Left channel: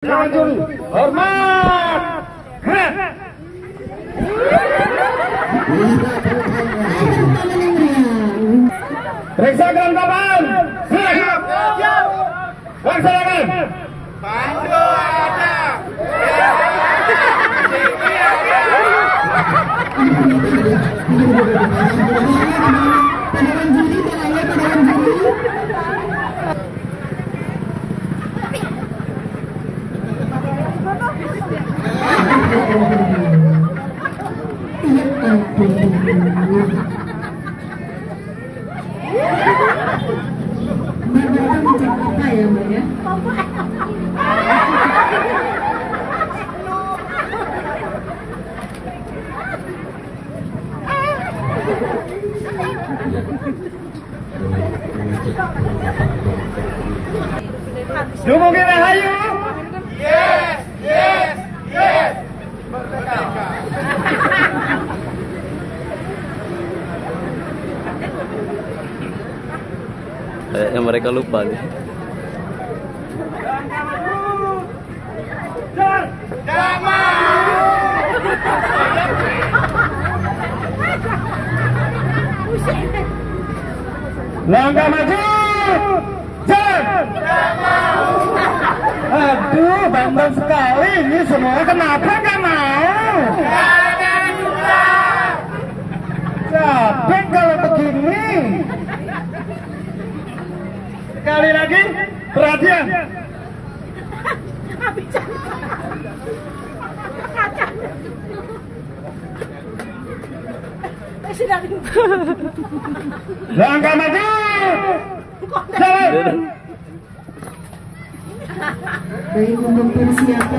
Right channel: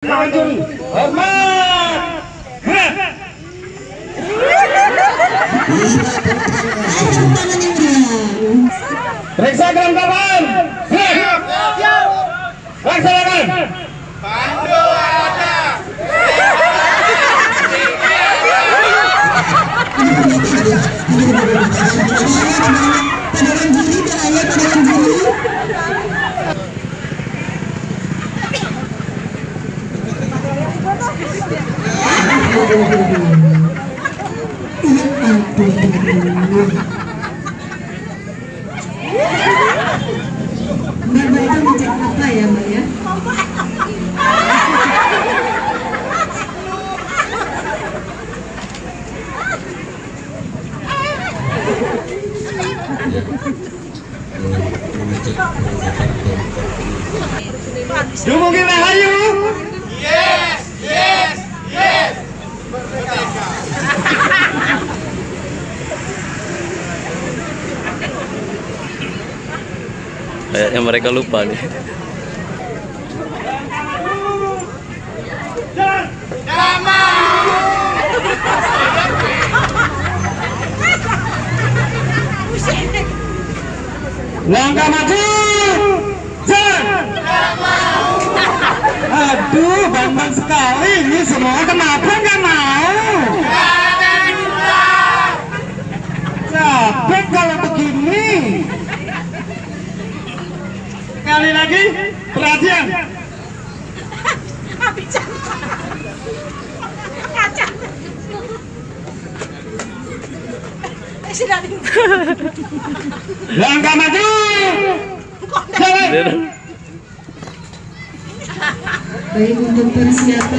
Lanjut, hormat, gerak. Periksa kelengkapan. Siap. Laksanakan. Pandu ada. Mbak itu ngecek apa ya Mbak ya? Dumugi Rahayu. Yes. Merdeka. Kayaknya mereka lupa nih. Langkah maju. Jalan. Aduh, bambang sekali ini semua. Kenapa nggak mau? Capek kalau begini. Sekali lagi, perhatian. Langkah maju. Jalan. Baik, untuk persiapan